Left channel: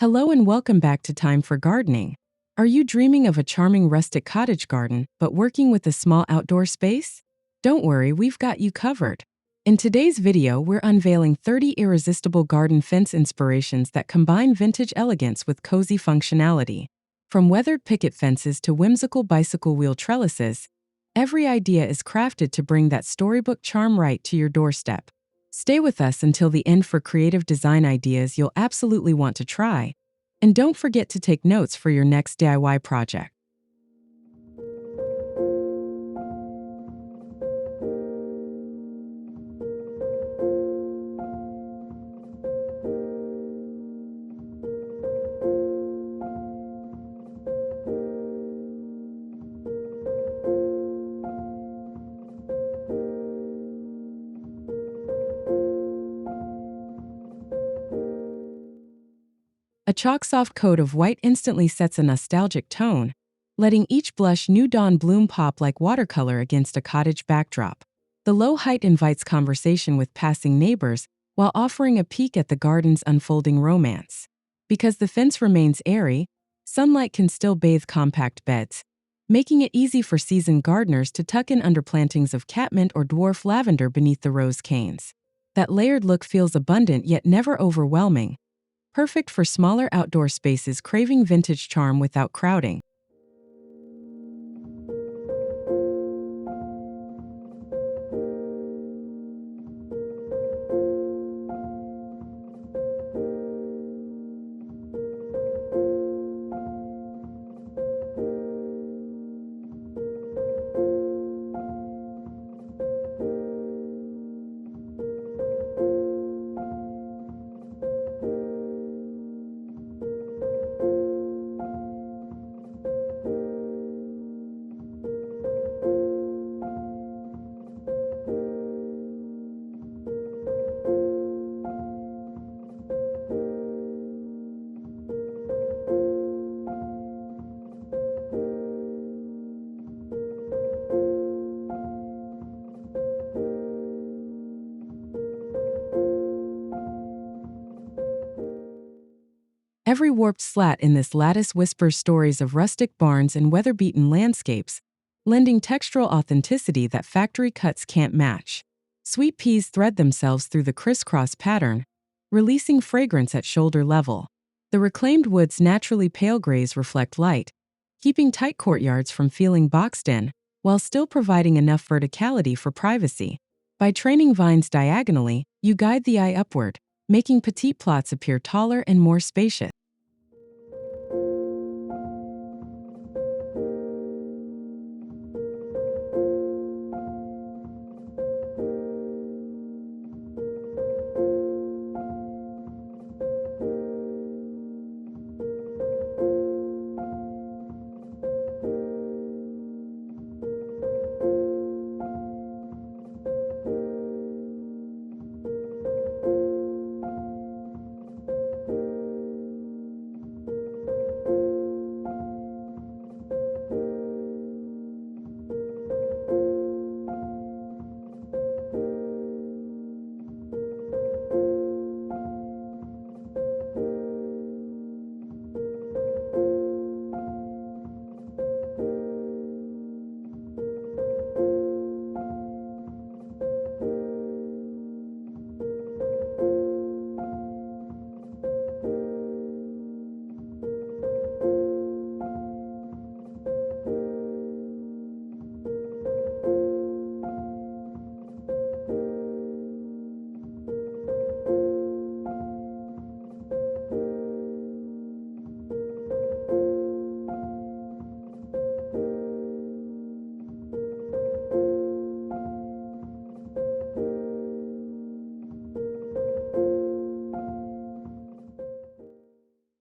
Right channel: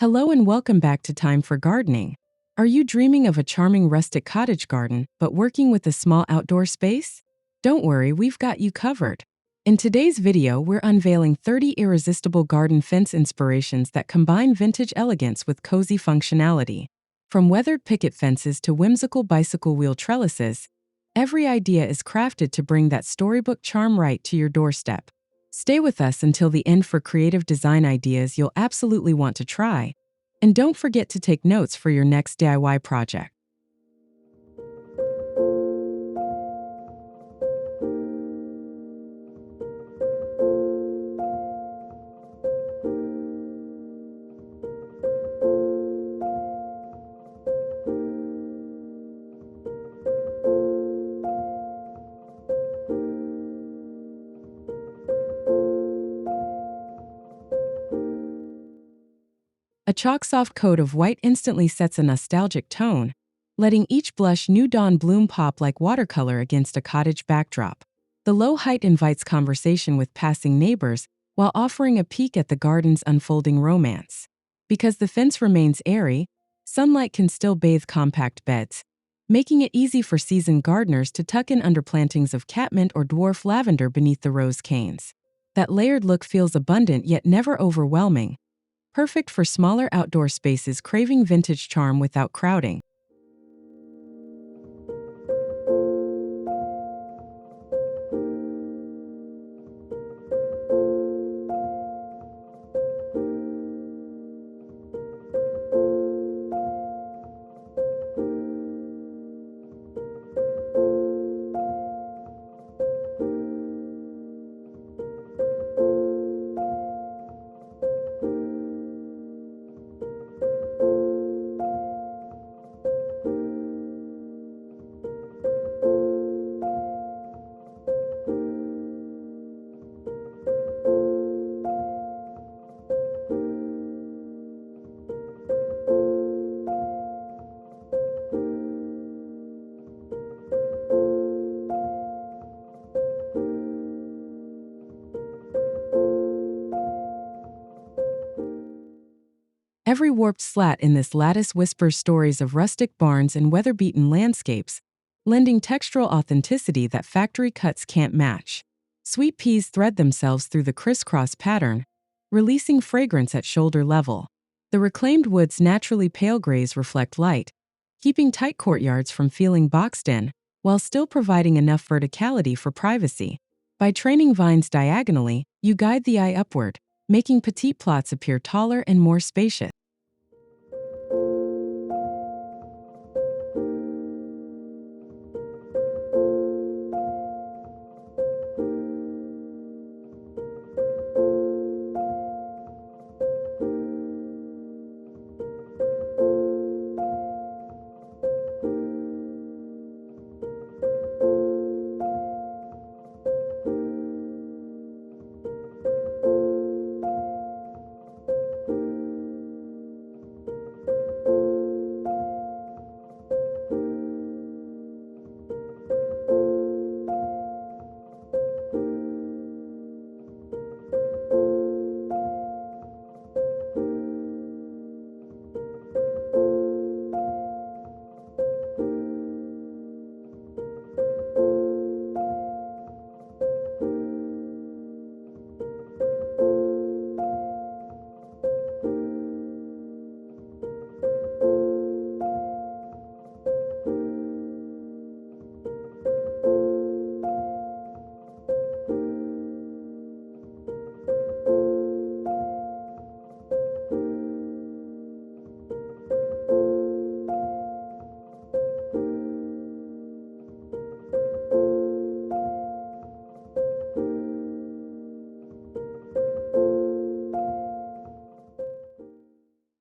Hello and welcome back to Time for Gardening. Are you dreaming of a charming rustic cottage garden, but working with a small outdoor space? Don't worry, we've got you covered. In today's video, we're unveiling 30 irresistible garden fence inspirations that combine vintage elegance with cozy functionality. From weathered picket fences to whimsical bicycle wheel trellises, every idea is crafted to bring that storybook charm right to your doorstep. Stay with us until the end for creative design ideas you'll absolutely want to try. And don't forget to take notes for your next DIY project. A chalk-soft coat of white instantly sets a nostalgic tone, letting each blush new dawn bloom pop like watercolor against a cottage backdrop. The low height invites conversation with passing neighbors while offering a peek at the garden's unfolding romance. Because the fence remains airy, sunlight can still bathe compact beds, making it easy for seasoned gardeners to tuck in under plantings of catmint or dwarf lavender beneath the rose canes. That layered look feels abundant yet never overwhelming, perfect for smaller outdoor spaces craving vintage charm without crowding. Every warped slat in this lattice whispers stories of rustic barns and weather-beaten landscapes, lending textural authenticity that factory cuts can't match. Sweet peas thread themselves through the crisscross pattern, releasing fragrance at shoulder level. The reclaimed wood's naturally pale grays reflect light, keeping tight courtyards from feeling boxed in, while still providing enough verticality for privacy. By training vines diagonally, you guide the eye upward, making petite plots appear taller and more spacious.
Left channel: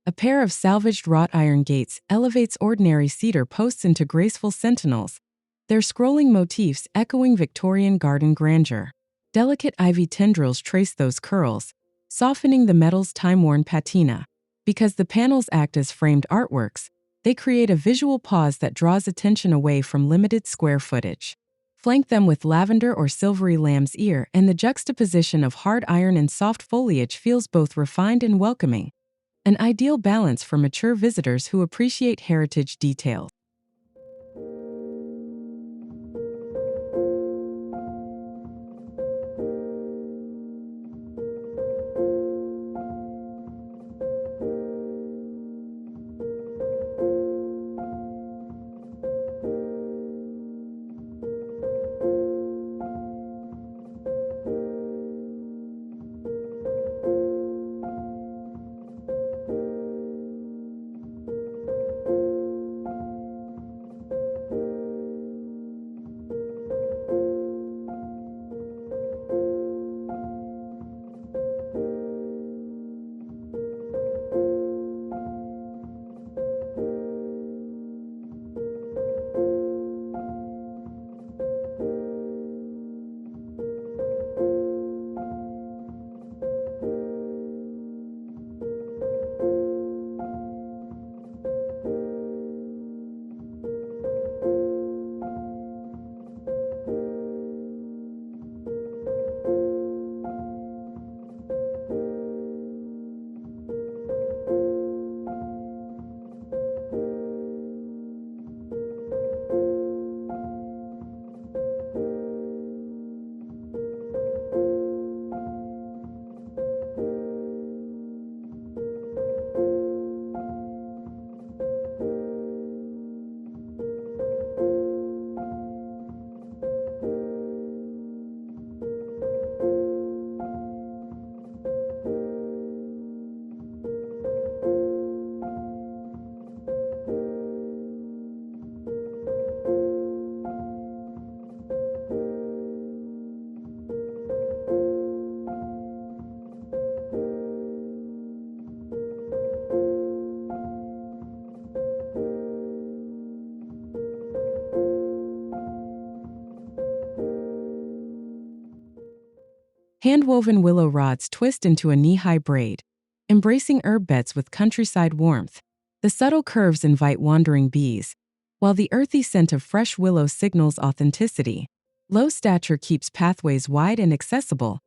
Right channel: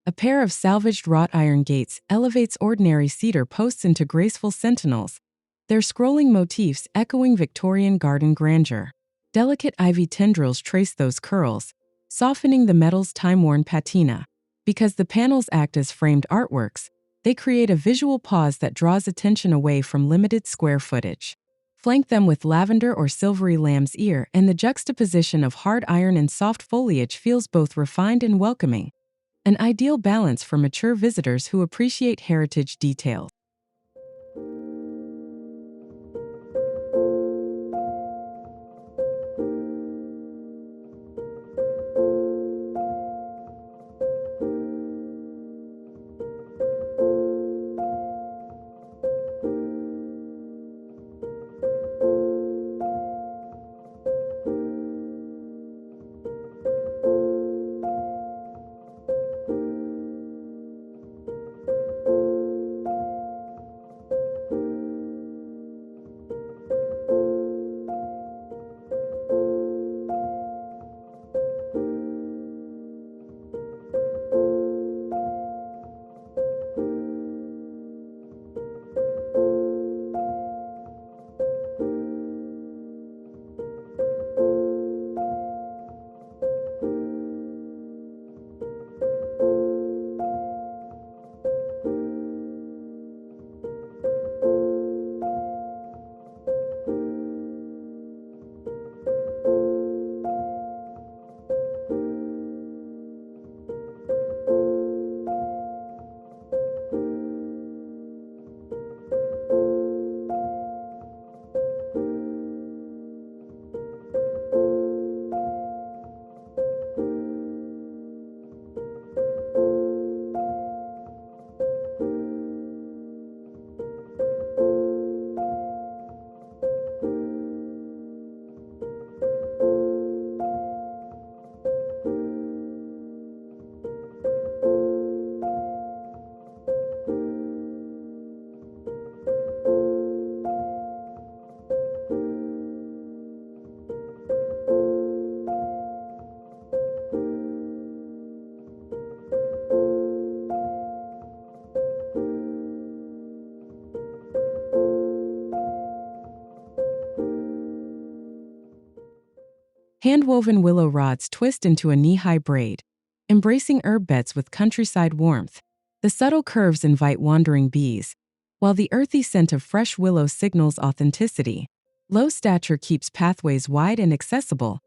A pair of salvaged wrought iron gates elevates ordinary cedar posts into graceful sentinels, their scrolling motifs echoing Victorian garden grandeur. Delicate ivy tendrils trace those curls, softening the metal's time-worn patina. Because the panels act as framed artworks, they create a visual pause that draws attention away from limited square footage. Flank them with lavender or silvery lamb's ear, and the juxtaposition of hard iron and soft foliage feels both refined and welcoming. an ideal balance for mature visitors who appreciate heritage details. Hand-woven willow rods twist into a knee-high braid, embracing herb beds with countryside warmth. The subtle curves invite wandering bees, while the earthy scent of fresh willow signals authenticity. Low stature keeps pathways wide and accessible,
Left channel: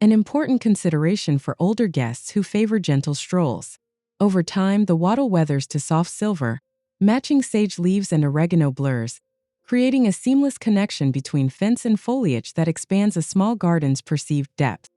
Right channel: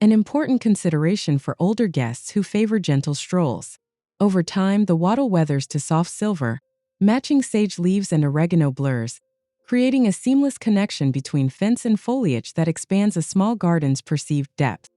an important consideration for older guests who favor gentle strolls. Over time, the wattle weathers to soft silver, matching sage leaves and oregano blurs, creating a seamless connection between fence and foliage that expands a small garden's perceived depth.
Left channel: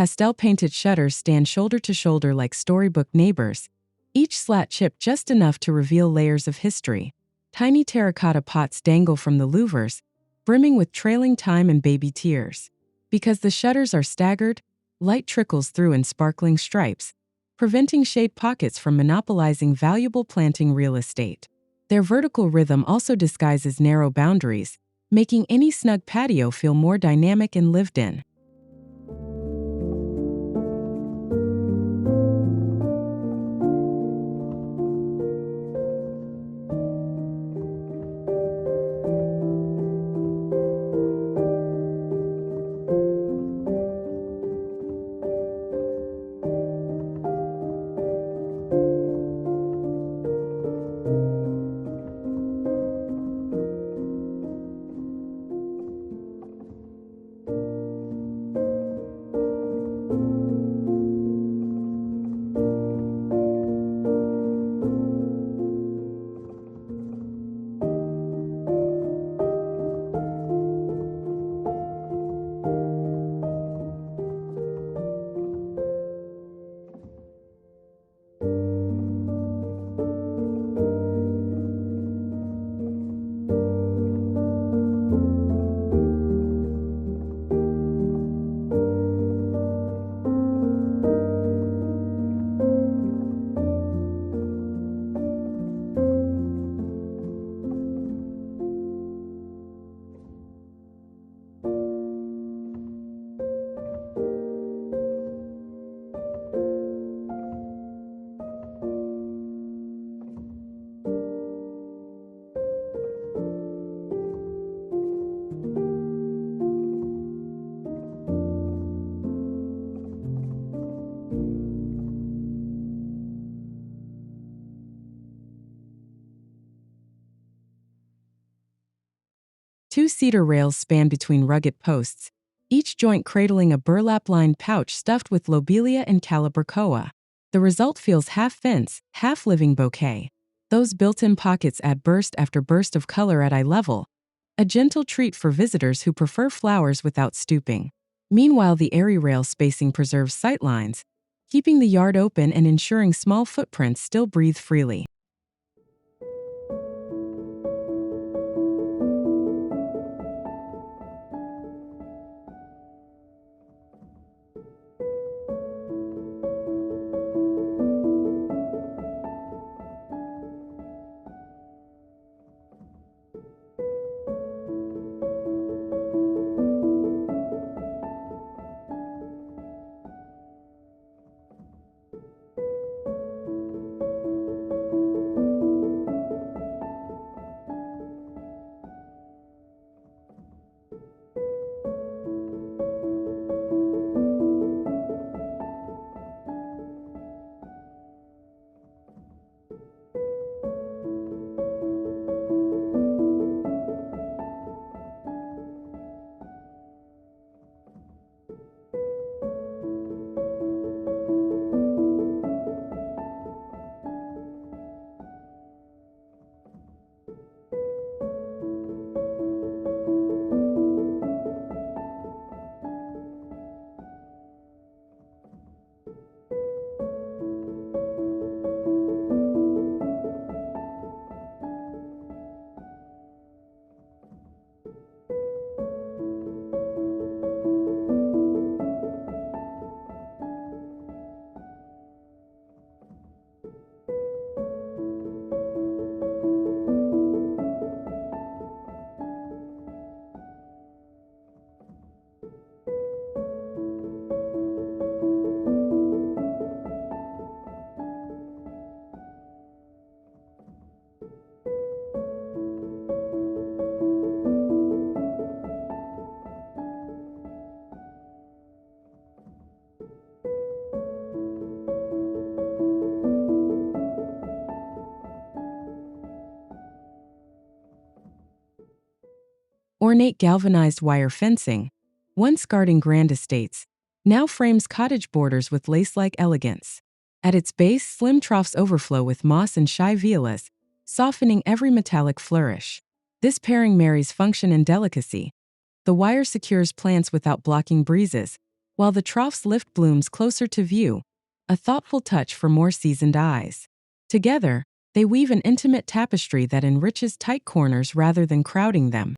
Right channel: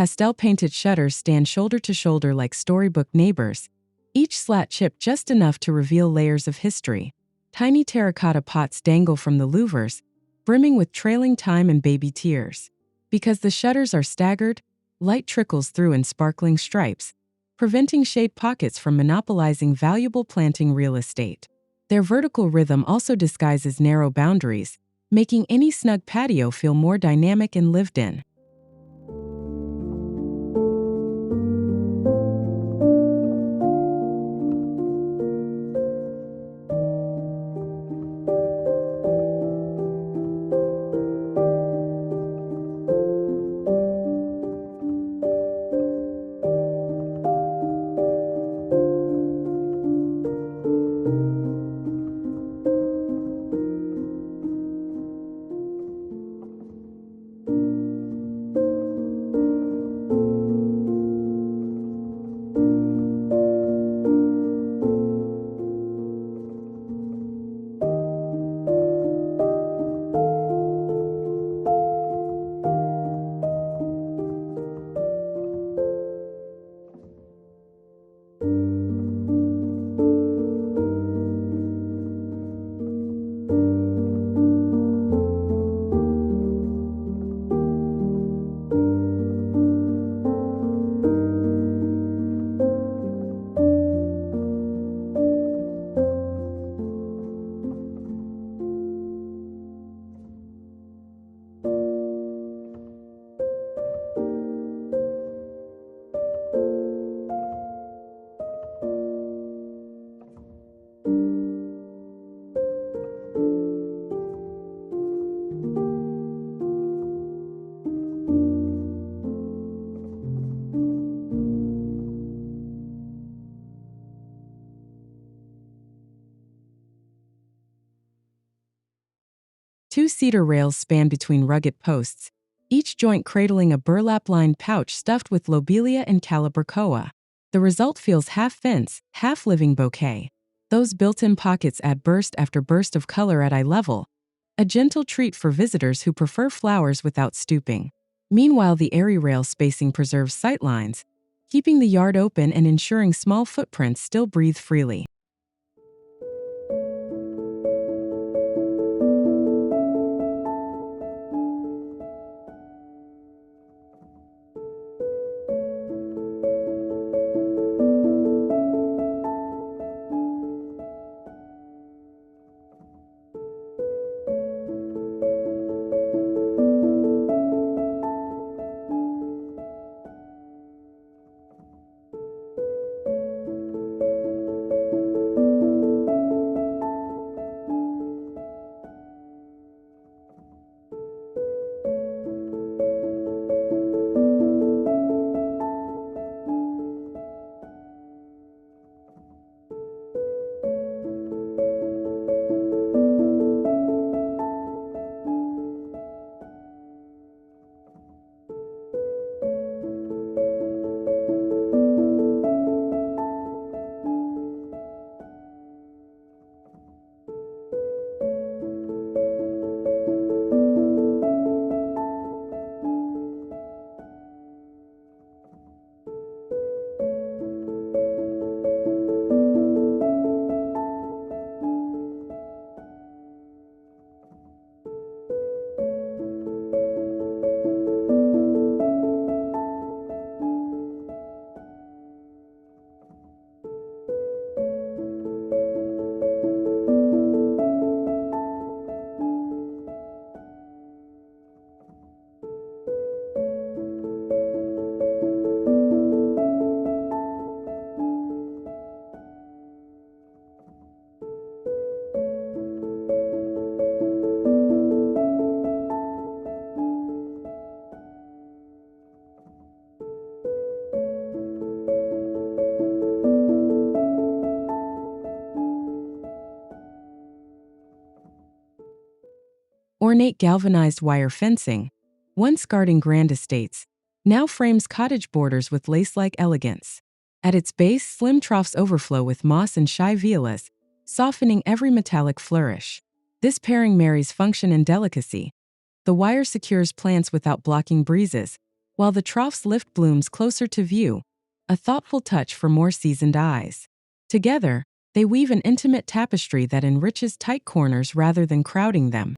Pastel-painted shutters stand shoulder to shoulder like storybook neighbors, each slat chipped just enough to reveal layers of history. Tiny terracotta pots dangle from the louvers, brimming with trailing thyme and baby tears. Because the shutters are staggered, light trickles through in sparkling stripes, preventing shade pockets from monopolizing valuable planting real estate. Their vertical rhythm also disguises narrow boundaries, making any snug patio feel more dynamic and lived in. Two cedar rails span between rugged posts, each joint cradling a burlap-lined pouch stuffed with lobelia and calibrachoa. The result feels half fence, half living bouquet. Those built-in pockets add burst after burst of color at eye level, a gentle treat for visitors who prefer flowers without stooping. Meanwhile, the airy rail spacing preserves sightlines, keeping the yard open and ensuring small footprints still breathe freely. Ornate galvanized wire fencing, once guarding grand estates, now frames cottage borders with lace-like elegance. At its base, slim troughs overflow with moss and shy violas, softening every metallic flourish. This pairing marries function and delicacy. The wire secures plants without blocking breezes, while the troughs lift blooms closer to view, a thoughtful touch for more seasoned eyes. Together, they weave an intimate tapestry that enriches tight corners rather than crowding them.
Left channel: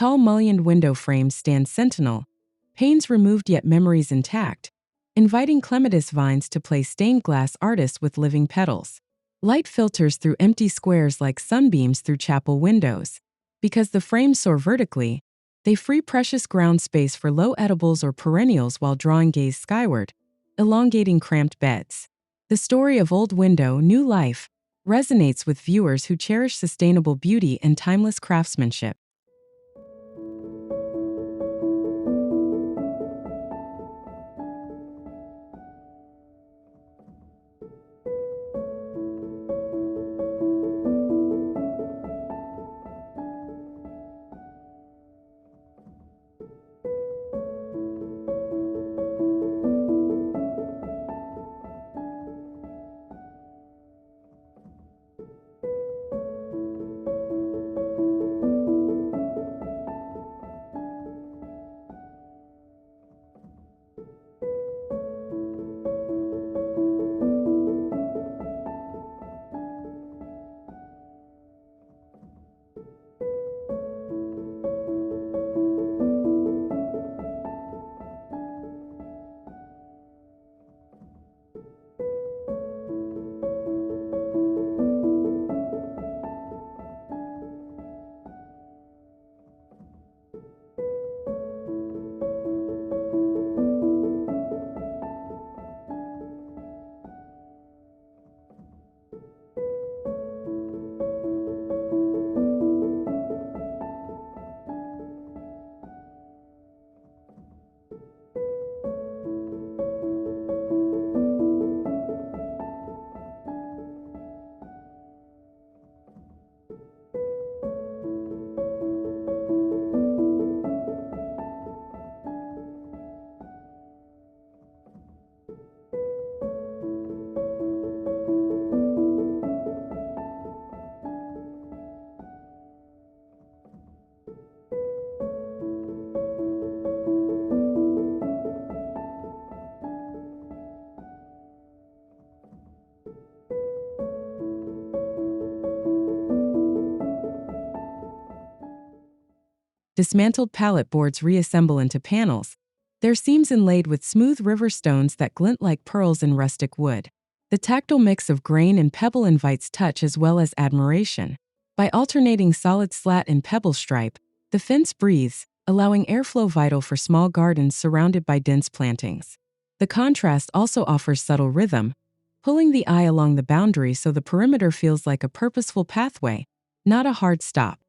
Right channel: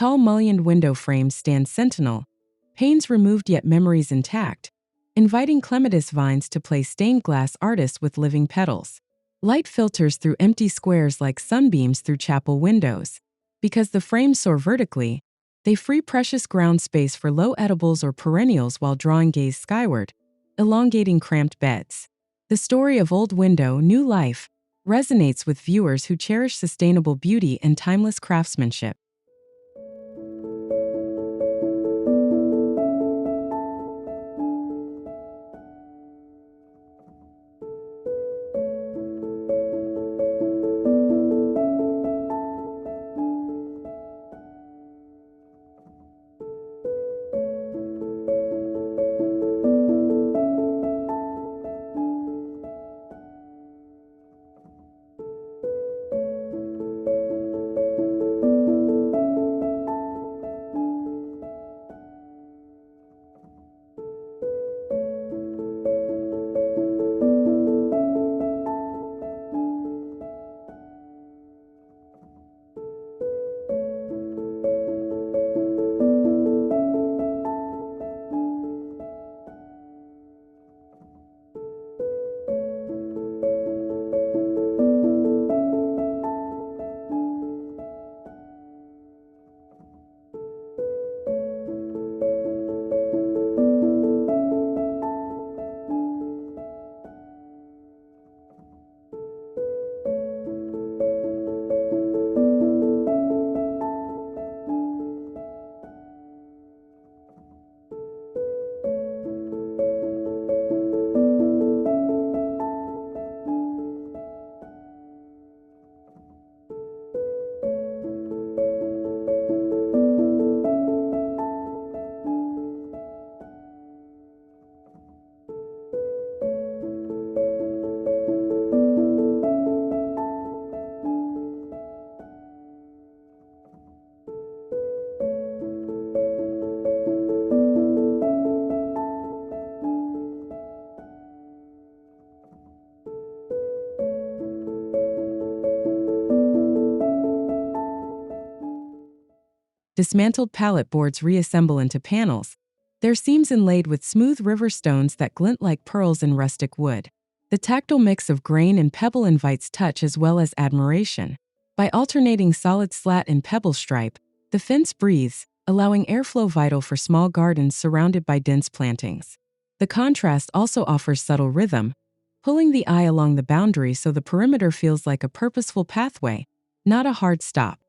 Tall mullioned window frames stand sentinel, panes removed yet memories intact, inviting clematis vines to play stained glass artists with living petals. Light filters through empty squares like sunbeams through chapel windows. Because the frames soar vertically, they free precious ground space for low edibles or perennials while drawing gaze skyward, elongating cramped beds. The story of Old Window, New Life resonates with viewers who cherish sustainable beauty and timeless craftsmanship. Dismantled pallet boards reassemble into panels, their seams inlaid with smooth river stones that glint like pearls in rustic wood. The tactile mix of grain and pebble invites touch as well as admiration. By alternating solid slat and pebble stripe, the fence breathes, allowing airflow vital for small gardens surrounded by dense plantings. The contrast also offers subtle rhythm, pulling the eye along the boundary so the perimeter feels like a purposeful pathway, not a hard stop.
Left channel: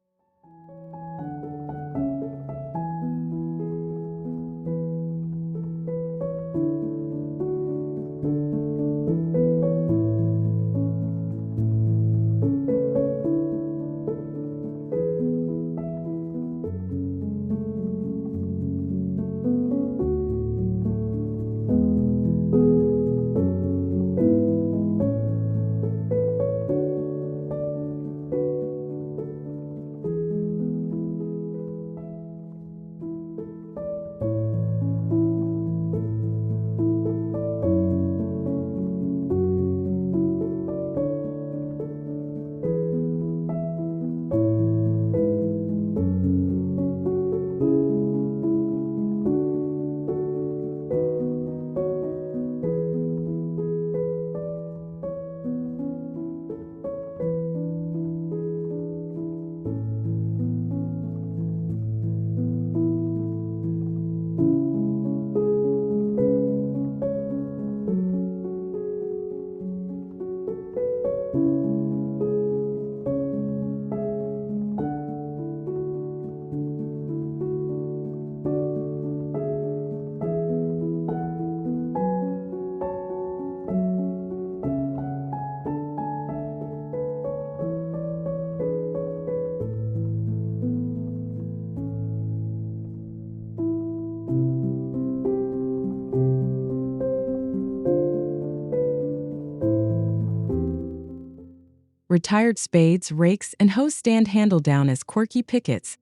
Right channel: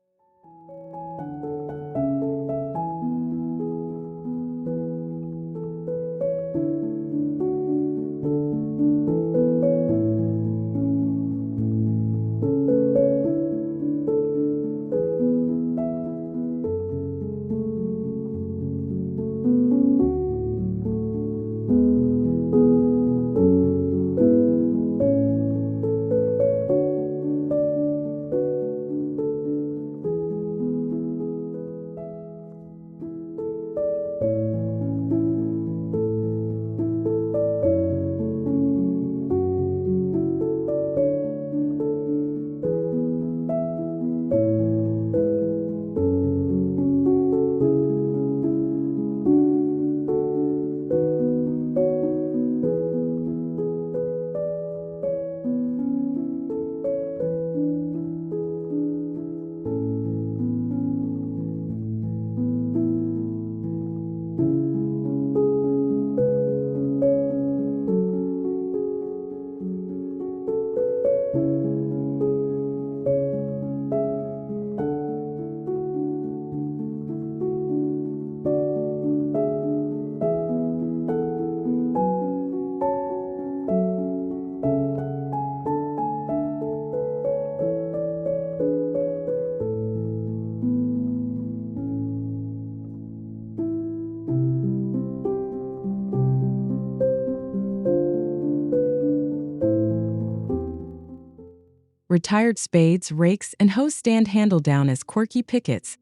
Retired spades, rakes, and hoes stand handle down as quirky pickets,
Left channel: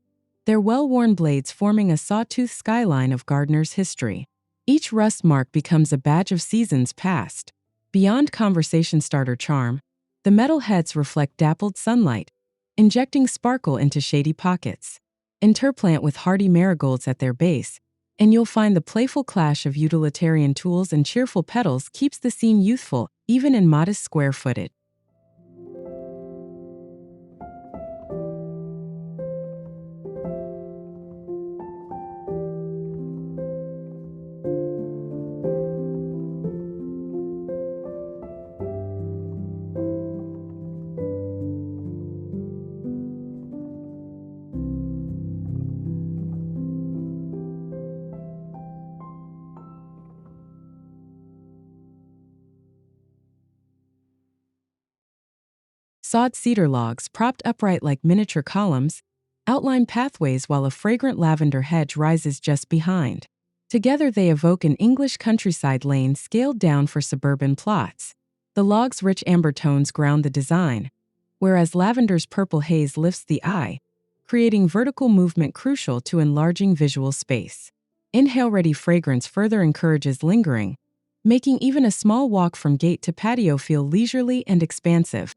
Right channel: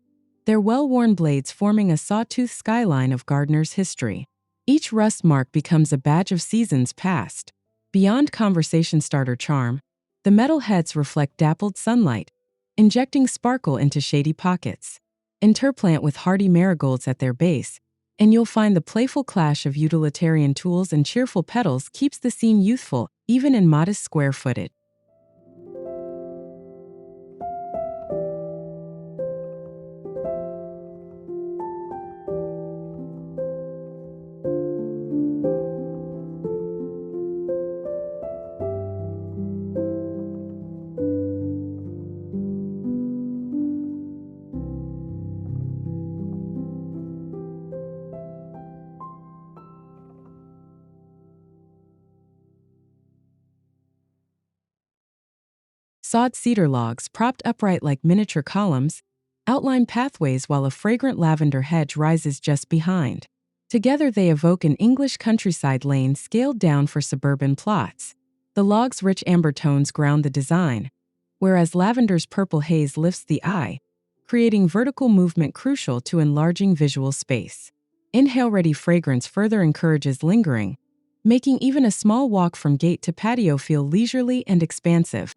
their well-worn blades forming a sawtooth skyline of gardeners' history. Each rust mark becomes a badge of seasons past. Beyond conversation starter charm, the metal heads reflect dappled sunlight, injecting sparkle into shady pockets. Interplant with hardy marigolds at their base, and you'll find the playful clash of utilitarian tools and cheerful petals keeps the scene youthful, even in modest square footage. Sawed cedar logs, propped upright like miniature columns, outline pathways while a fragrant lavender hedge rises just behind. Together they evoke an English countryside lane scaled down for suburban plots. The log's rich amber tones ground the design, whereas lavender's purple haze lifts the eye, creating vertical movement crucial to enlarging visual space. Inhale-ready fragrance further encourages lingering, making even a small walk from gate to patio feel leisurely and expansive.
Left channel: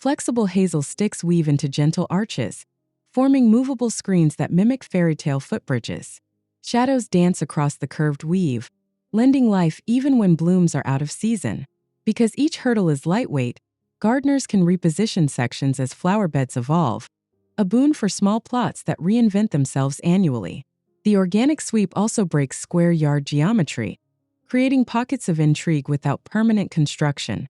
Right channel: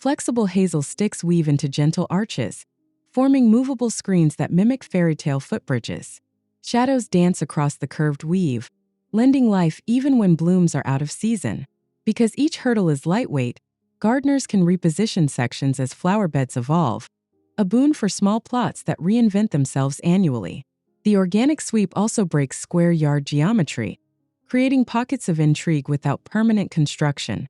Flexible hazel sticks weave into gentle arches, forming movable screens that mimic fairy-tale footbridges. Shadows dance across the curved weave, lending life even when blooms are out of season. Because each hurdle is lightweight, gardeners can reposition sections as flower beds evolve, a boon for small plots that reinvent themselves annually. The organic sweep also breaks square yard geometry, creating pockets of intrigue without permanent construction.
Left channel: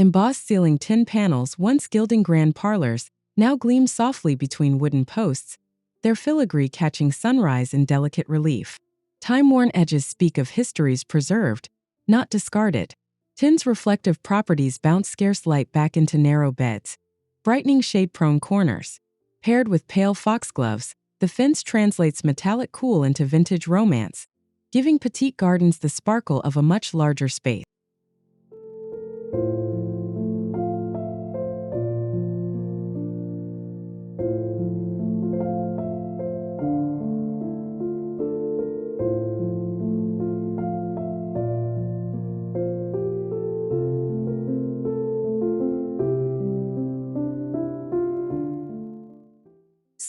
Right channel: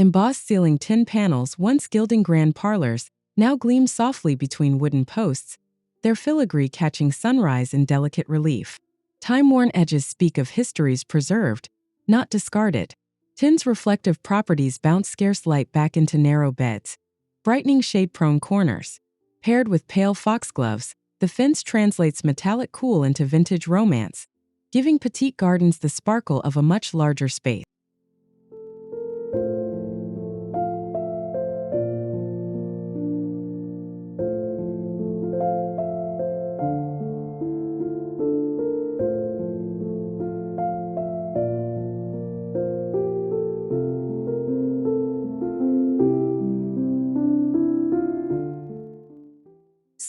Embossed ceiling tin panels, once gilding grand parlors, now gleam softly between wooden posts, their filigree catching sunrise in delicate relief. Time-worn edges speak of histories preserved, not discarded. Tin's reflective properties bounce scarce light back into narrow beds, brightening shade-prone corners. Paired with pale foxgloves, the fence translates metallic cool into vintage romance, giving petite gardens the sparkle of a much larger space.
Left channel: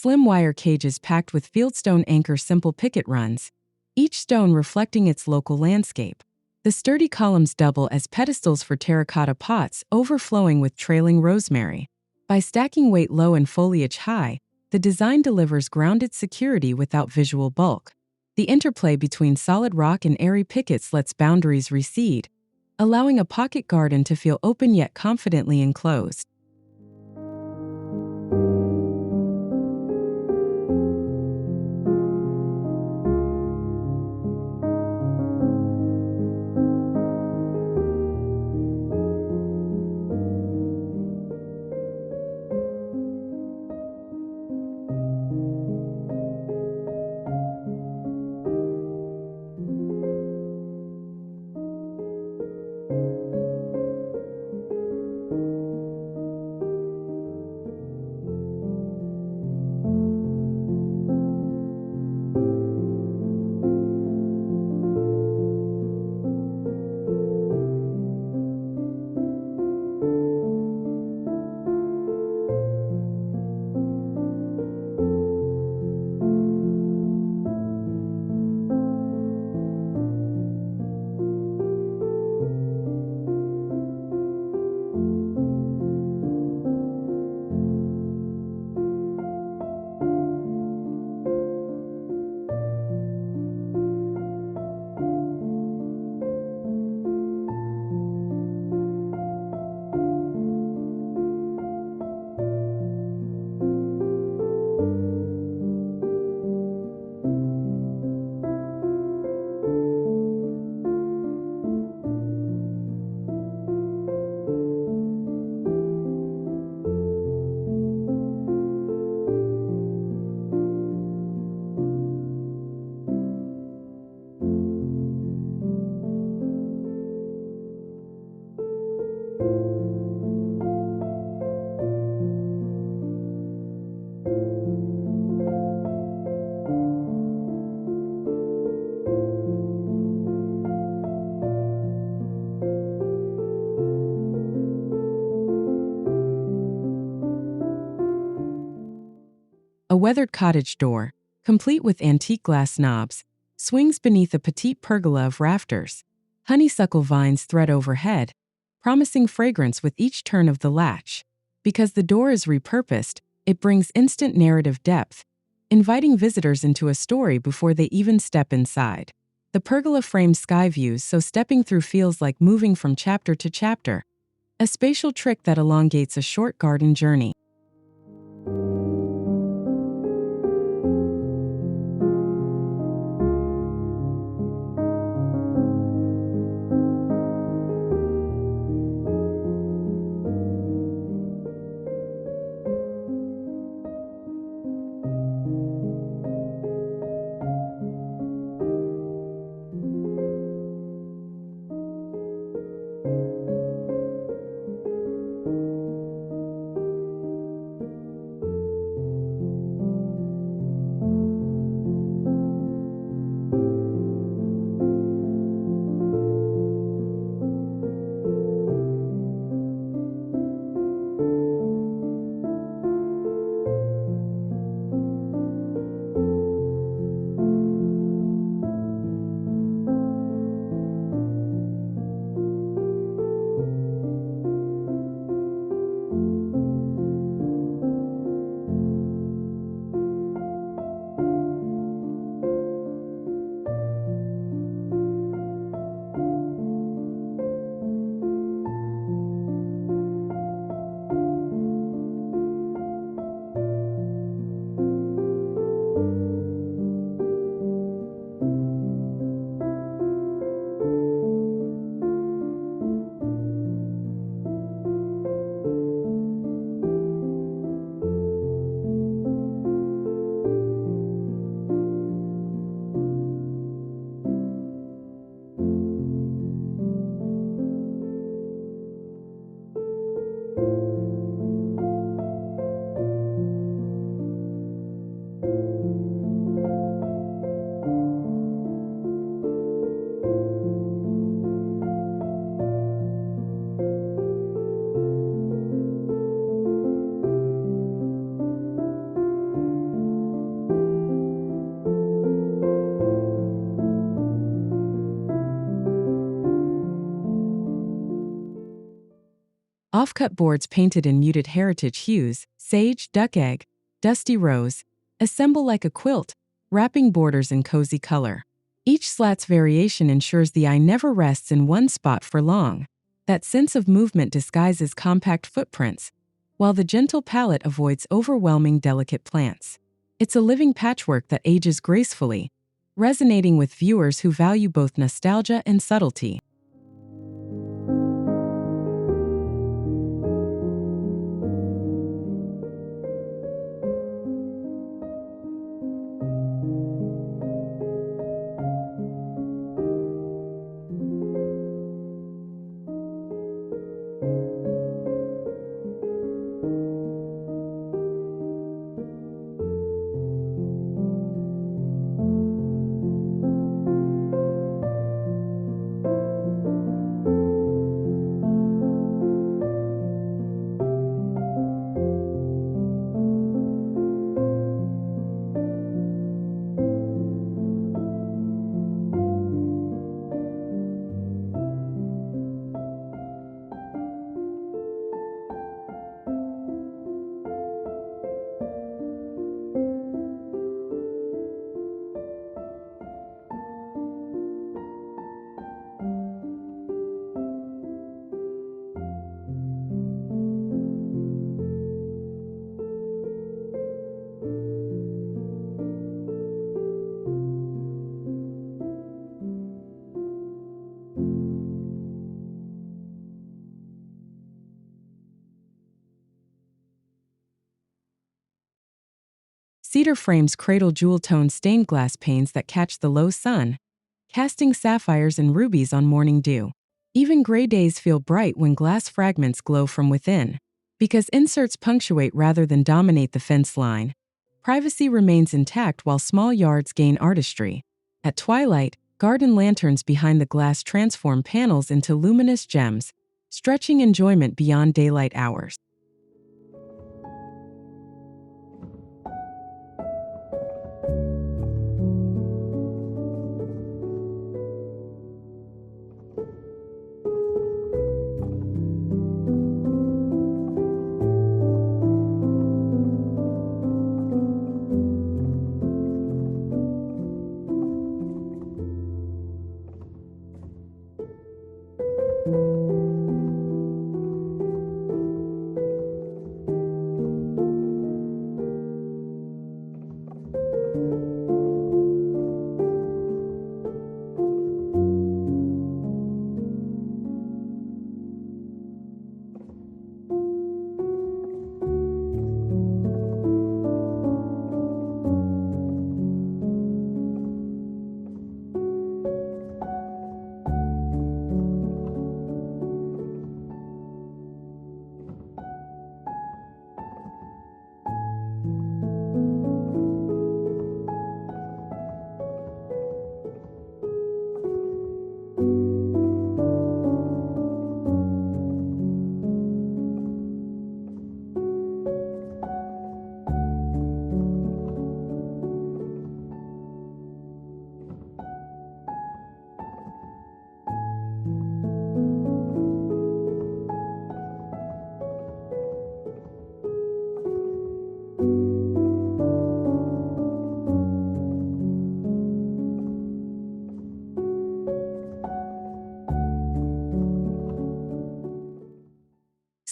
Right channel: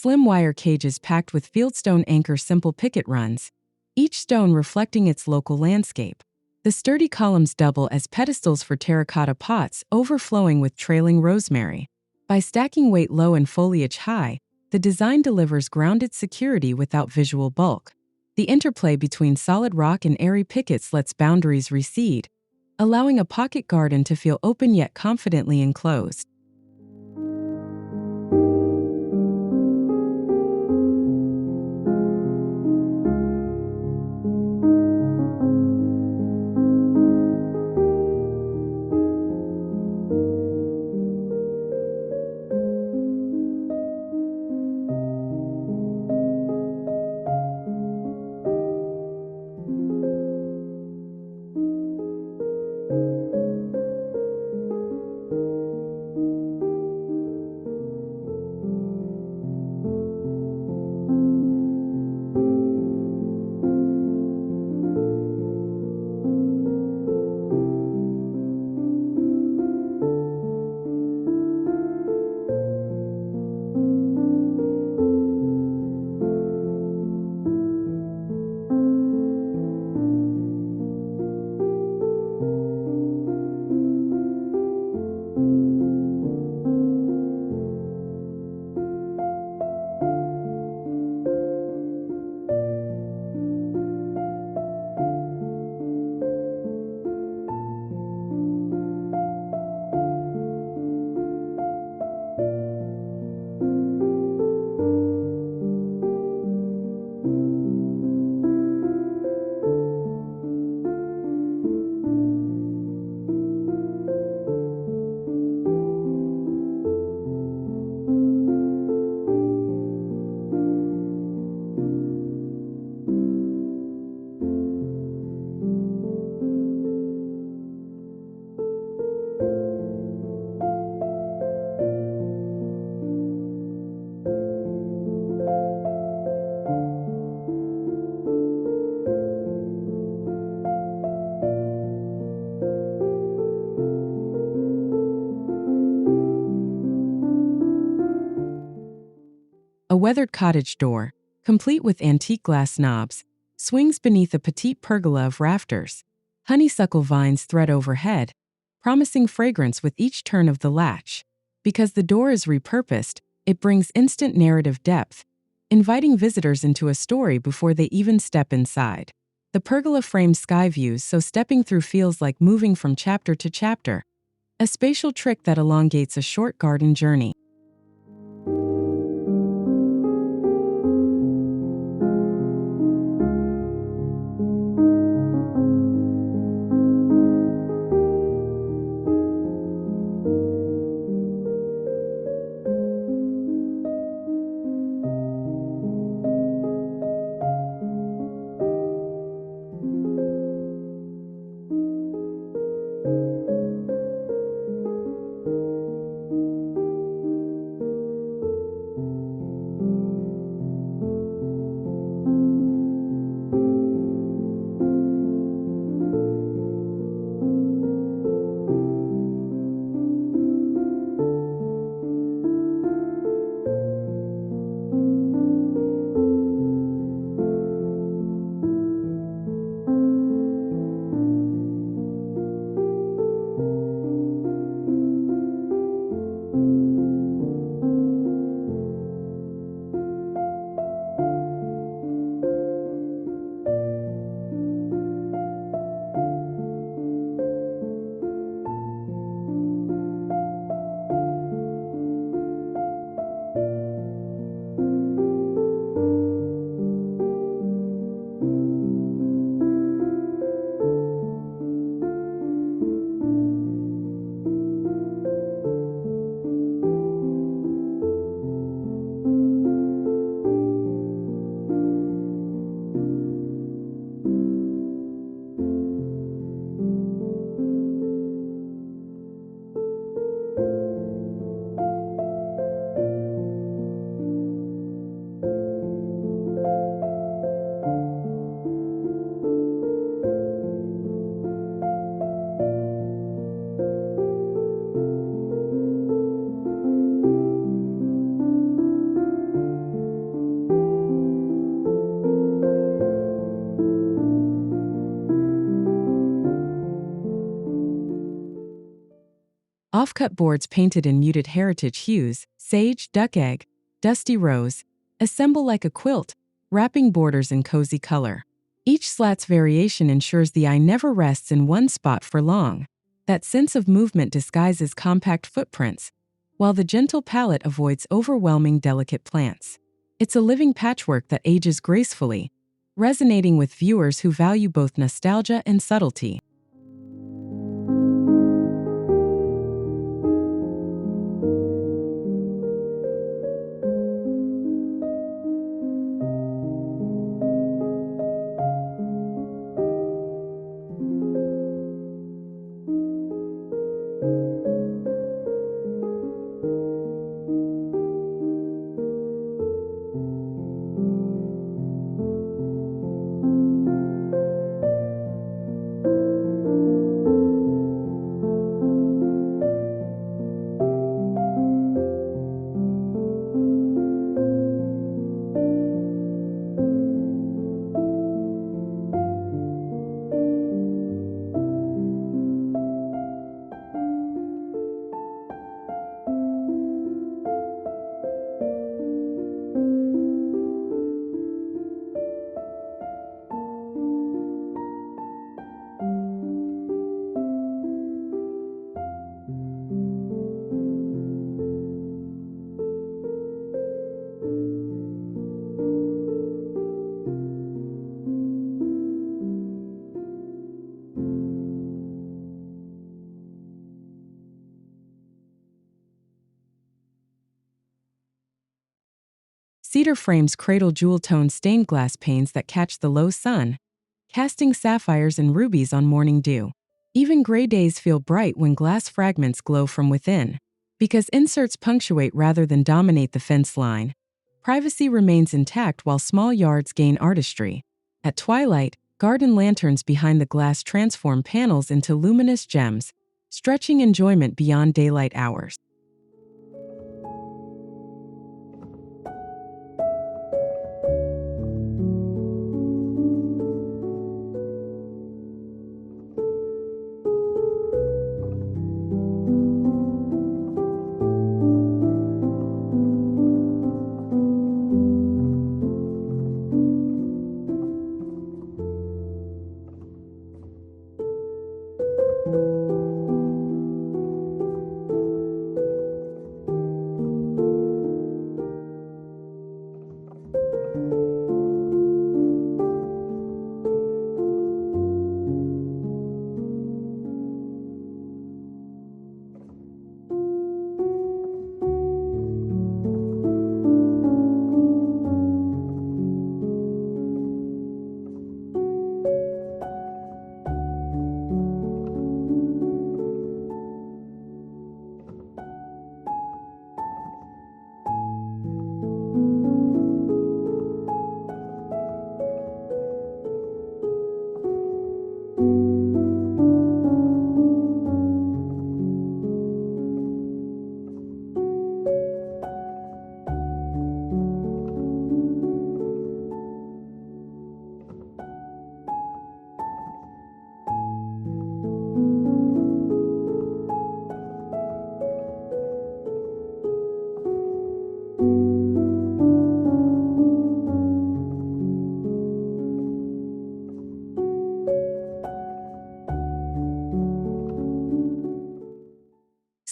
slim wire cages packed with fieldstone anchor simple picket runs, each stone reflecting its local landscape. The sturdy columns double as pedestals for terracotta pots overflowing with trailing rosemary. By stacking weight low and foliage high, the design delivers grounded security without visual bulk. The interplay between solid rock and airy pickets lets boundaries recede, allowing a pocket garden to feel open yet confidently enclosed. A weathered cottage door, complete with antique glass knobs, swings beneath a petite pergola of rafters. Honeysuckle vines thread overhead, promising fragrance with each turn of the latch. Because the door is repurposed, it brings instant narrative depth, inviting visitors into a story before they even step inside. The pergola frames sky views, so stepping through feels like moving from chapter to chapter, a spatial trick that elongates a short garden journey. Offcut boards painted in muted heritage hues, sage, duck egg, dusty rose, assemble like a quilt, wrapping borders in cozy color. Each slat's variation ensures the eye never rests in one spot for long. That sense of movement disguises compact footprints, while the gentle palette avoids overwhelming delicate plants. It's a living patchwork that ages gracefully, resonating with viewers who value both nostalgia and subtlety. Cedar frames cradle jewel-toned stained glass panes that catch the low sun, casting sapphires and rubies on morning dew. Even gray days feel bright when glass fragments glow from within. Because inserts punctuate rather than dominate the fence line, privacy remains intact while small yards gain artistry. At twilight, garden lanterns behind the glass transform panels into luminous gems, stretching enjoyment beyond daylight hours.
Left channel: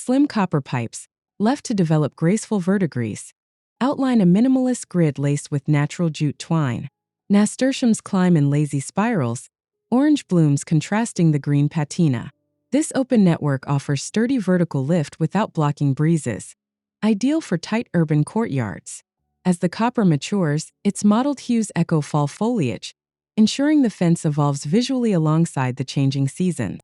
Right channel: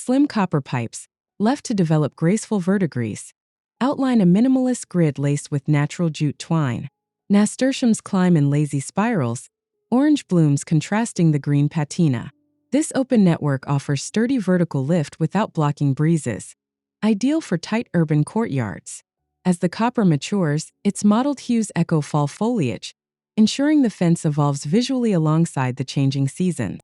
Slim copper pipes, left to develop graceful verdigris, outline a minimalist grid laced with natural jute twine. Nasturtiums climb in lazy spirals, orange blooms contrasting the green patina. This open network offers sturdy vertical lift without blocking breezes, ideal for tight urban courtyards. As the copper matures, its mottled hues echo fall foliage, ensuring the fence evolves visually alongside the changing seasons.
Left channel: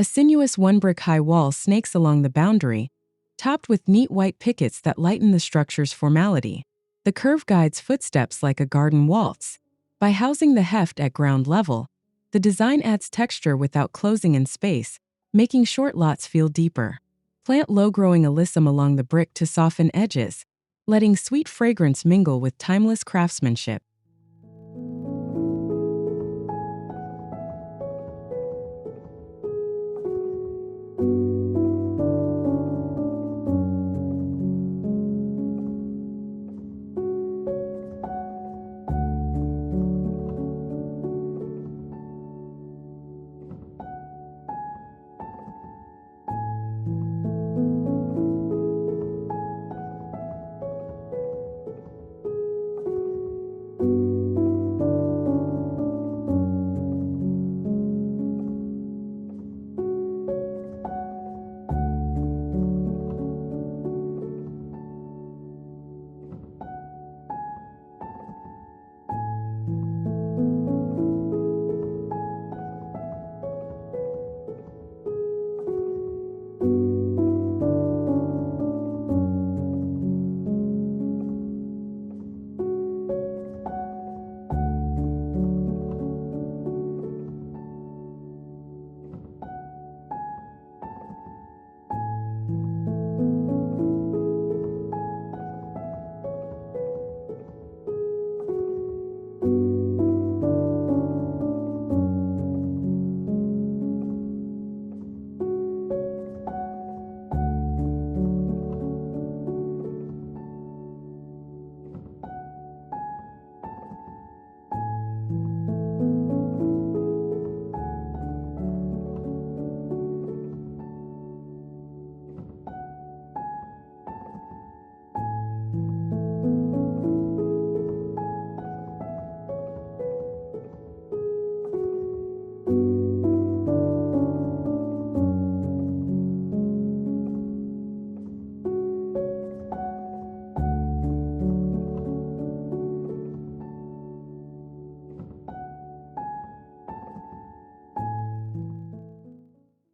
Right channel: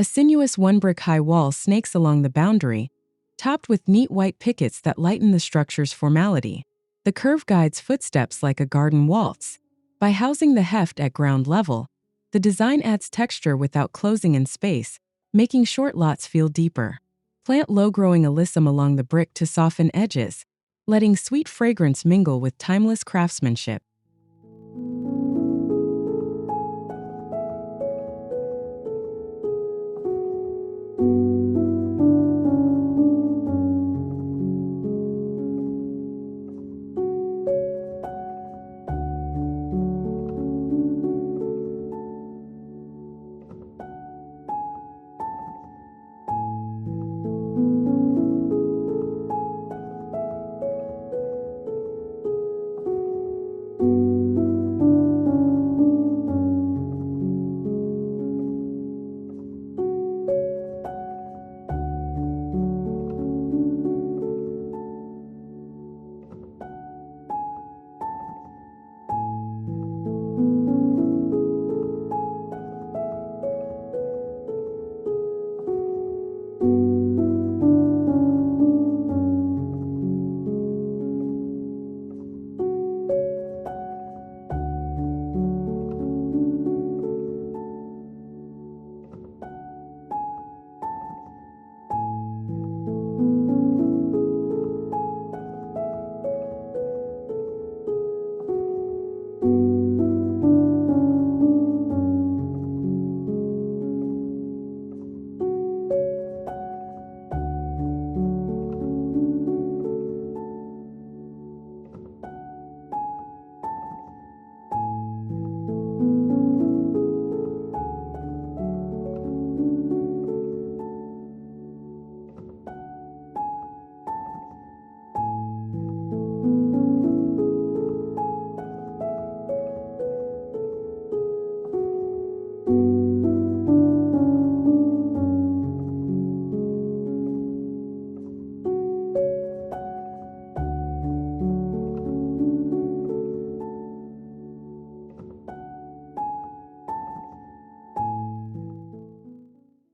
A sinuous one-brick-high wall snakes along the boundary, topped with neat white pickets that lighten the structure's formality. The curve guides footsteps like a garden waltz. By housing the heft at ground level, the design adds texture without closing in space, making short lots feel deeper. Plant low-growing alyssum along the brick to soften edges, letting sweet fragrance mingle with timeless craftsmanship.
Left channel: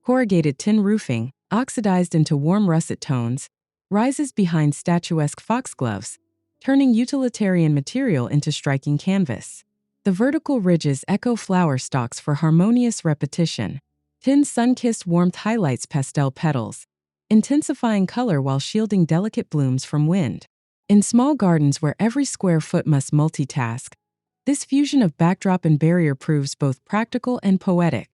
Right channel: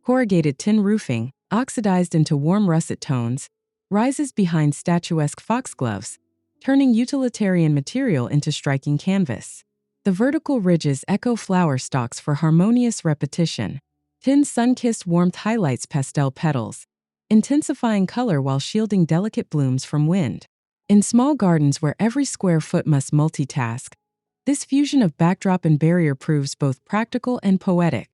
Corrugated tin roofing, oxidized into warm russet tones, rises behind statuesque foxgloves, turning utilitarian material into striking canvas. The vertical ridges echo flower stalks for harmonious repetition. Tin's sun-kissed warmth highlights pastel petals, intensifying color while shielding delicate blooms from wind. In small gardens where every square foot must multitask, this fusion of backdrop and barrier proves both practical and poetic.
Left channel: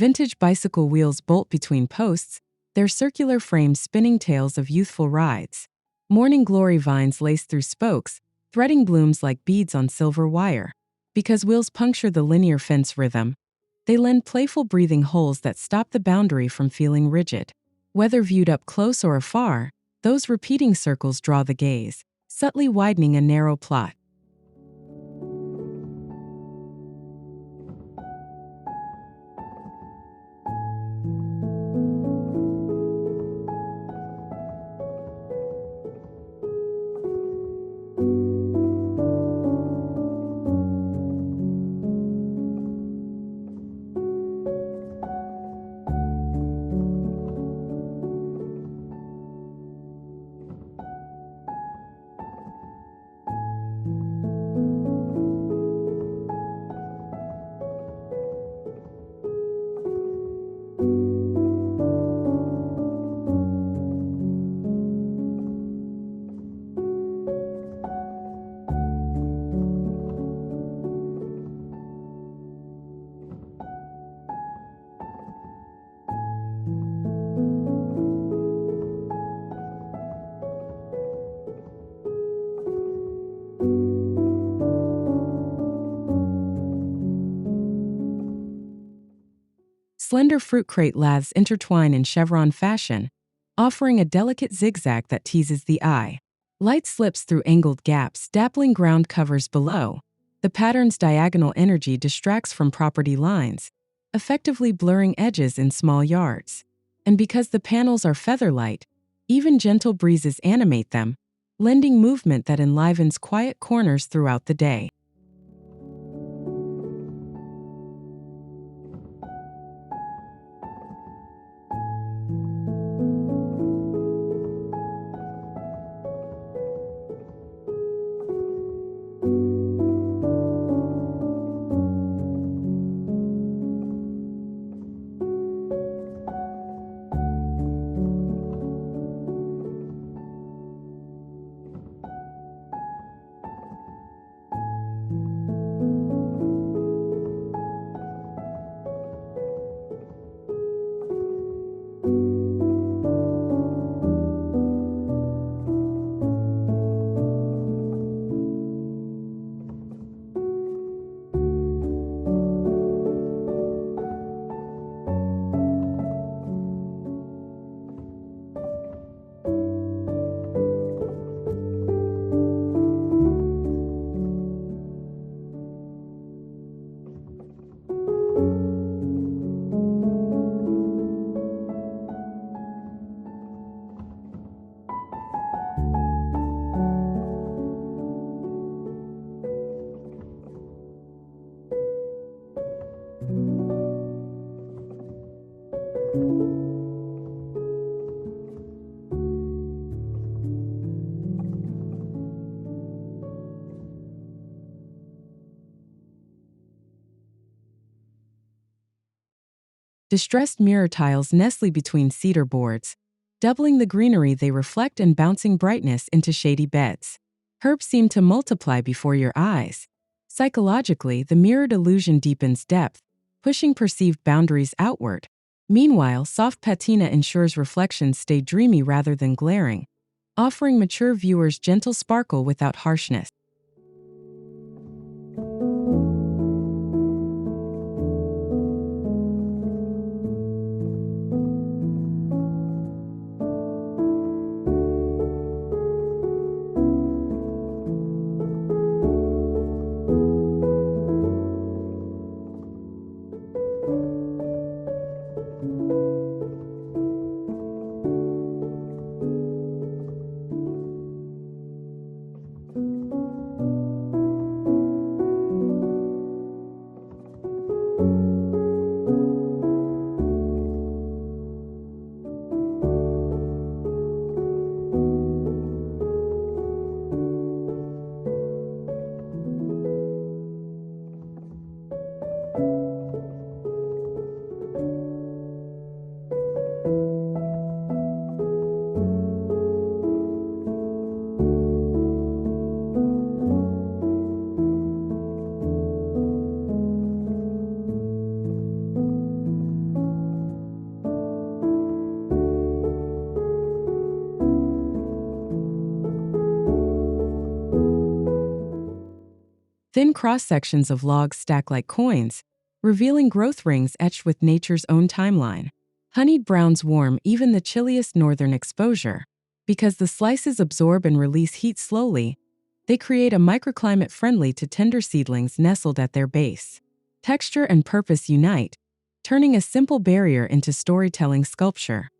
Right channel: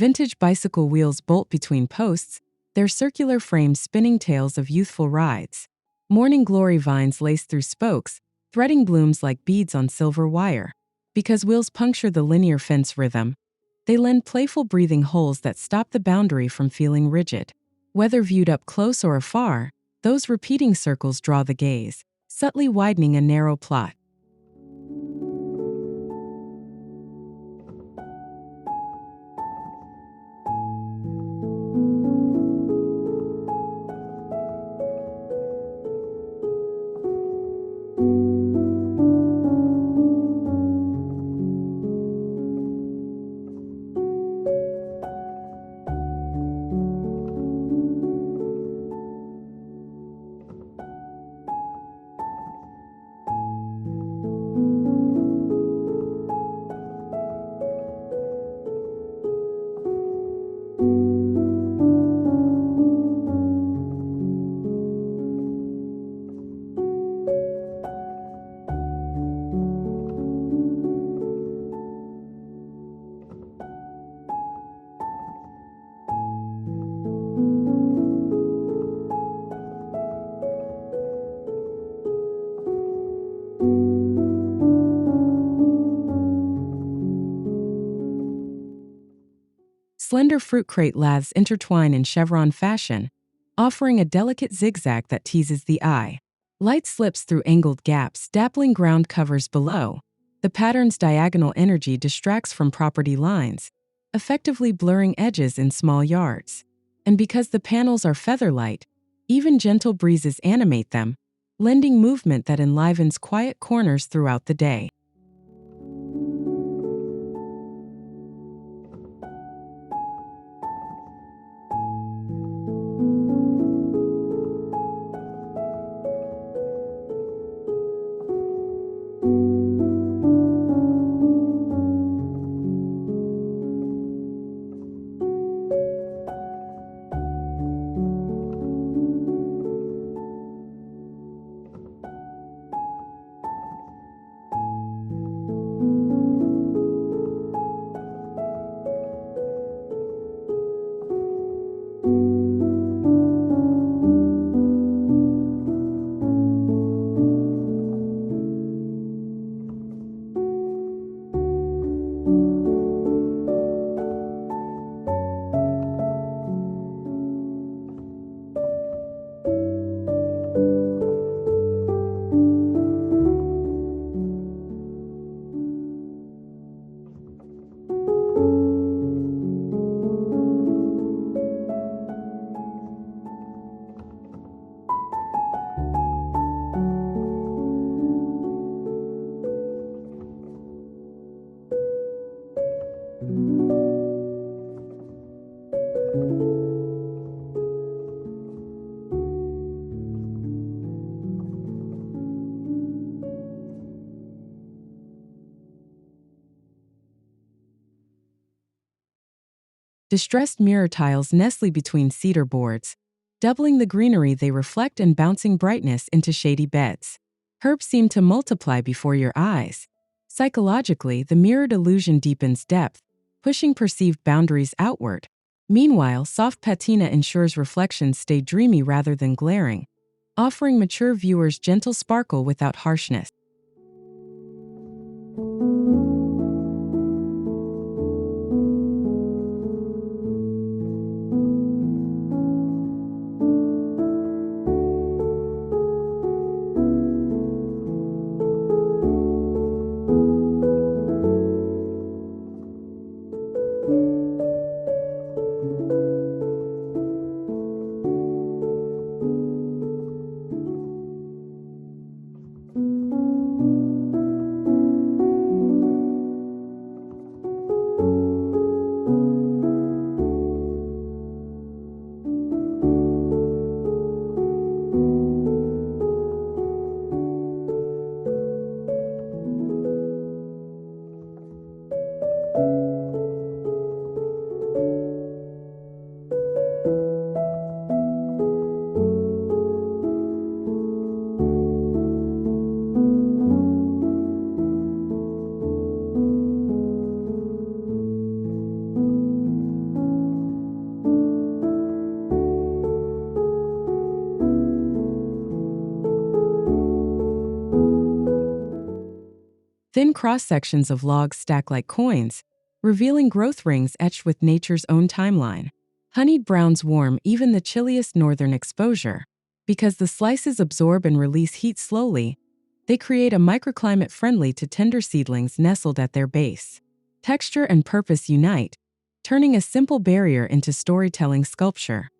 Vintage bicycle wheels bolt between posts, their circular frames spinning tales of youthful rides. Morning glory vines lace through spokes, threading blooms like beads on silver wire. Because wheels puncture the linear fence rhythm, they lend playful breathing holes that stop the boundary from feeling rigid. Whether viewed up close or afar, those repeating circles draw the gaze, subtly widening a narrow plot. Slender fruit crate laths intertwine in chevron fashion, offering a delicate zigzag that teases the eye. Light slips through angled gaps, dappling ground covers below. The pattern's diagonal energy distracts from property lines, effectively blurring edges in small yards. And because the panels are feather-light, even gentle breezes animate them, lending movement that enlivens quiet corners throughout the day. Distressed mirror tiles nestle between cedar boards, doubling the greenery they reflect and bouncing brightness into shady beds. Herbs seem to multiply before your eyes. Psychologically, the mirrored illusion deepens depth, pushing perceived boundaries outward. Meanwhile, soft patina ensures reflections stay dreamy rather than glaring, offering mature viewers gentle sparkle without harshness. Thin cross-sections of logs stack like coins, revealing growth rings etched with nature's own timeline. Honeyed browns warm even the chilliest northern exposure. Because the slices absorb and release heat slowly, they create a microclimate friendly to tender seedlings nestled at their base. Texture and purpose unite, turning a simple barrier into storytelling sculpture.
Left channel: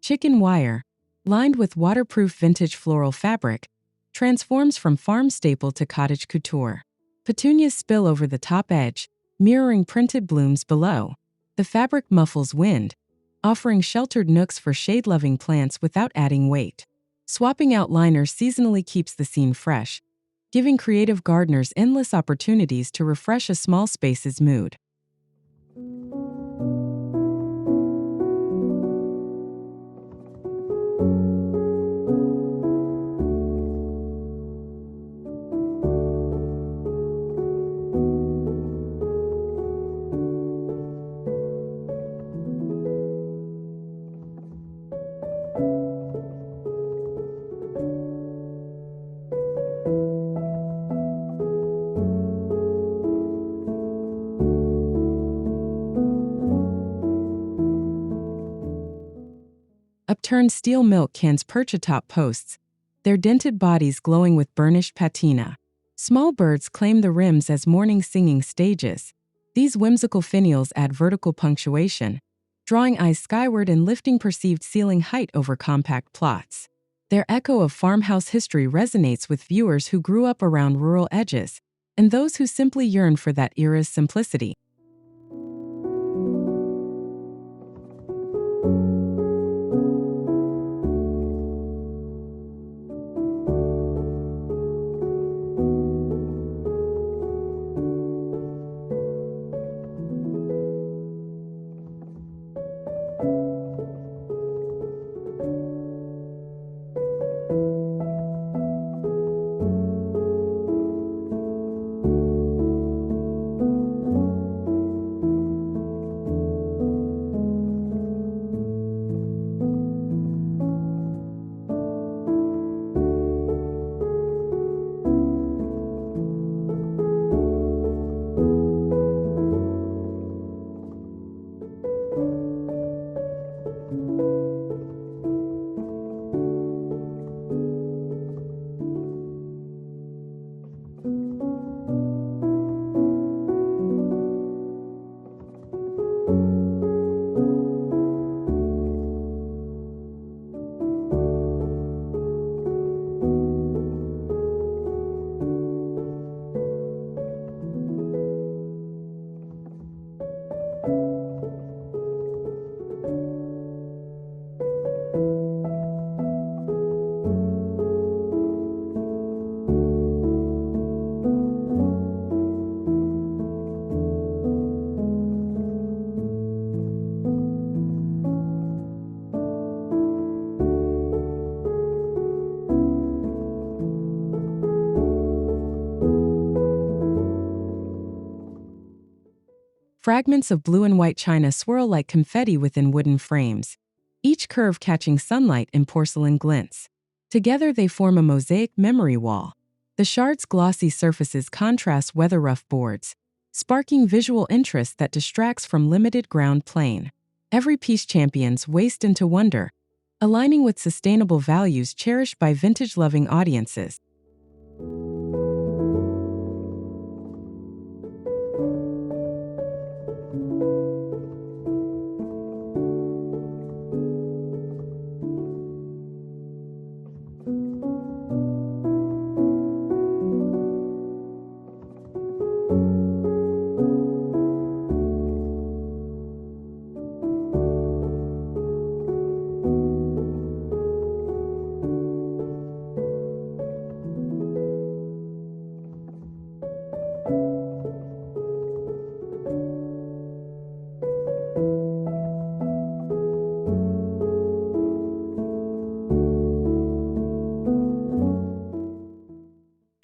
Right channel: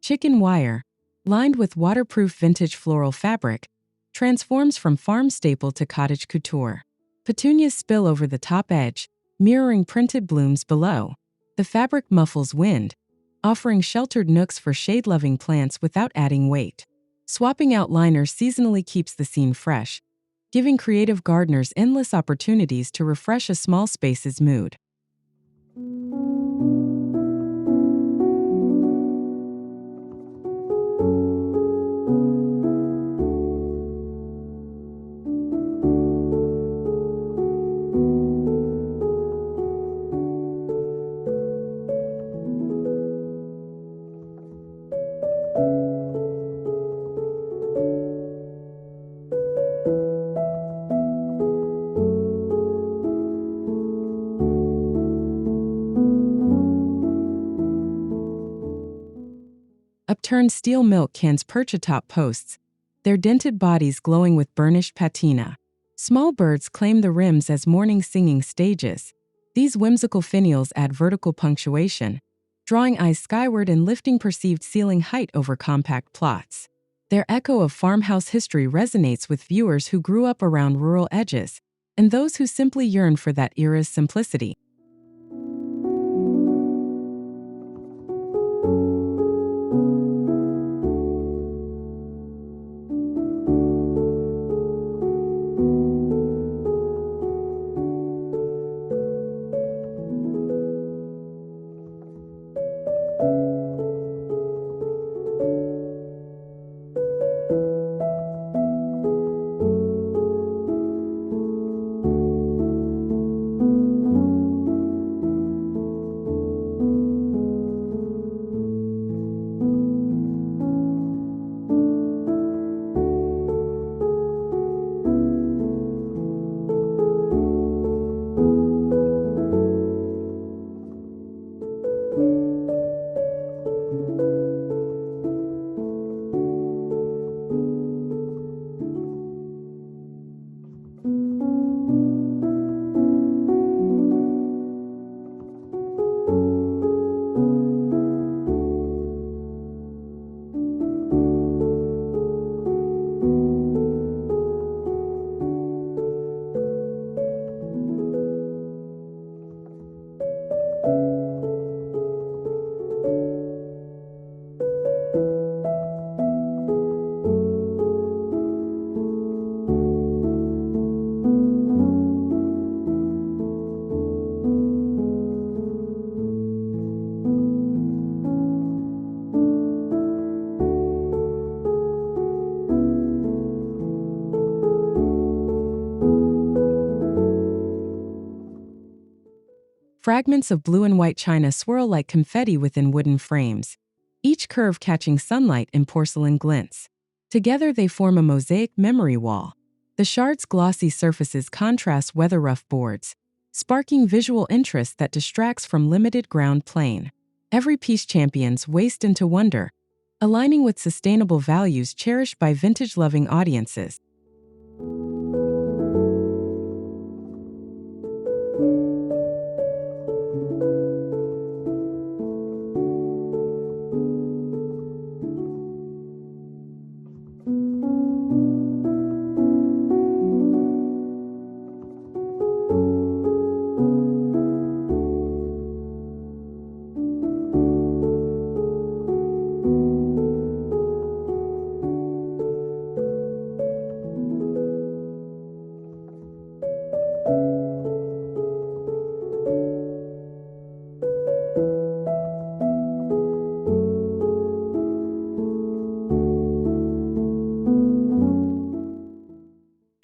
Chicken wire, lined with waterproof vintage floral fabric, transforms from farm staple to cottage couture. Petunias spill over the top edge, mirroring printed blooms below. The fabric muffles wind, offering sheltered nooks for shade-loving plants without adding weight. Swapping out liners seasonally keeps the scene fresh, giving creative gardeners endless opportunities to refresh a small space's mood. Upturned steel milk cans perch atop posts, their dented bodies glowing with burnished patina. Small birds claim the rims as morning singing stages. These whimsical finials add vertical punctuation, drawing eyes skyward and lifting perceived ceiling height over compact plots. Their echo of farmhouse history resonates with viewers who grew up around rural edges, and those who simply yearn for that era's simplicity. Fragments of blue and white china swirl like confetti within wooden frames, each curve catching sunlight in porcelain glints. Together they form a mosaic memory wall. The shard's glossy surfaces contrast weather-rough boards, sparking visual interest that distracts from limited ground plane. Every piece champions waste into wonder, aligning with sustainable values cherished by vintage-loving audiences.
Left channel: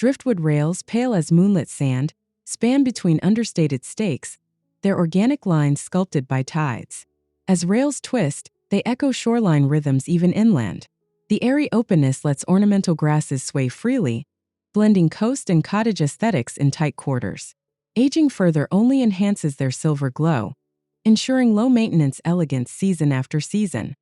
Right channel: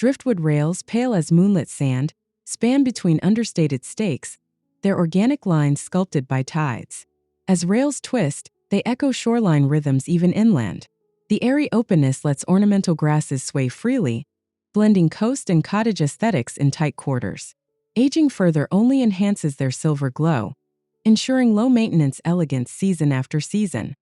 Driftwood rails, pale as moonlit sand, span between understated stakes, their organic lines sculpted by tides. As rails twist, they echo shoreline rhythms even inland. The airy openness lets ornamental grasses sway freely, blending coast and cottage aesthetics in tight quarters. Aging further only enhances their silver glow, ensuring low-maintenance elegance season after season.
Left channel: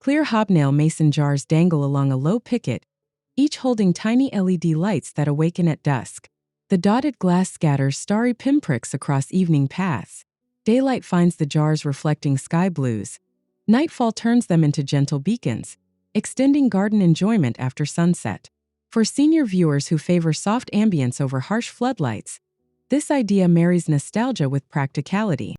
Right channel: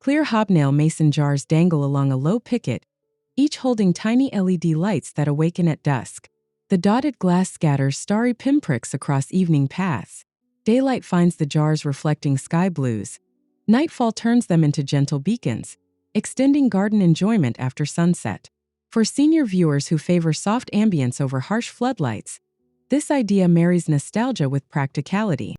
Clear hobnail mason jars dangle along a low picket, each holding tiny LED lights that awaken at dusk. The dotted glass scatters starry pinpricks across evening paths. Daylight finds the jars reflecting sky blues. Nightfall turns them into gentle beacons, extending garden enjoyment after sunset. For senior viewers who favor soft ambience over harsh floodlights, this idea marries nostalgia with practicality.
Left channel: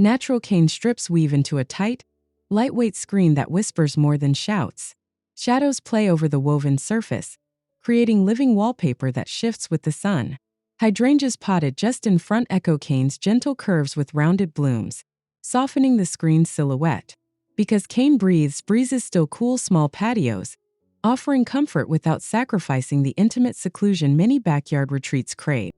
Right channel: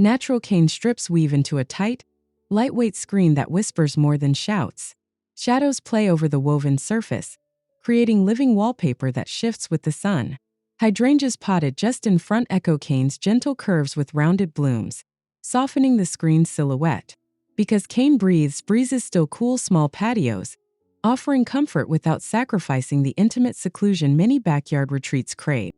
Natural cane strips weave into a tight, lightweight screen that whispers more than shouts. Shadows play over the woven surface, creating living wallpaper that shifts with the sun. Hydrangeas potted just in front echo cane's gentle curves with rounded blooms, softening the screen's silhouette. Because cane breathes, breezes still cool small patios, offering comfort without sacrificing the intimate seclusion many backyard retreats crave.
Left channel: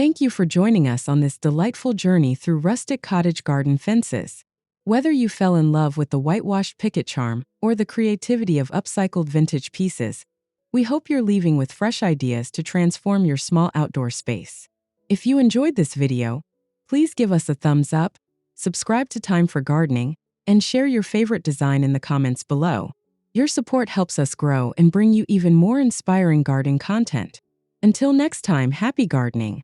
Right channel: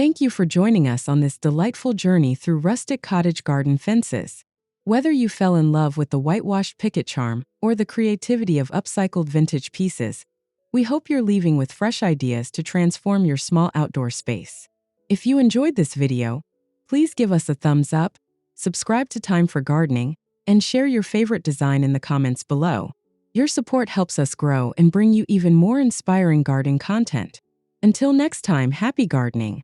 Thank you for joining us on this delightful journey through rustic cottage garden fences. Whether you fell in love with the whitewashed picket charm or the creativity of upcycled vintage pieces, we hope you're leaving with fresh ideas to transform your small outdoor space. If you enjoyed this video, please give us a thumbs up, subscribe to Thyme for Gardening, and share your favorite design in the comments below. Your support helps us grow and bring you even more inspiring garden content. Until next time, happy gardening!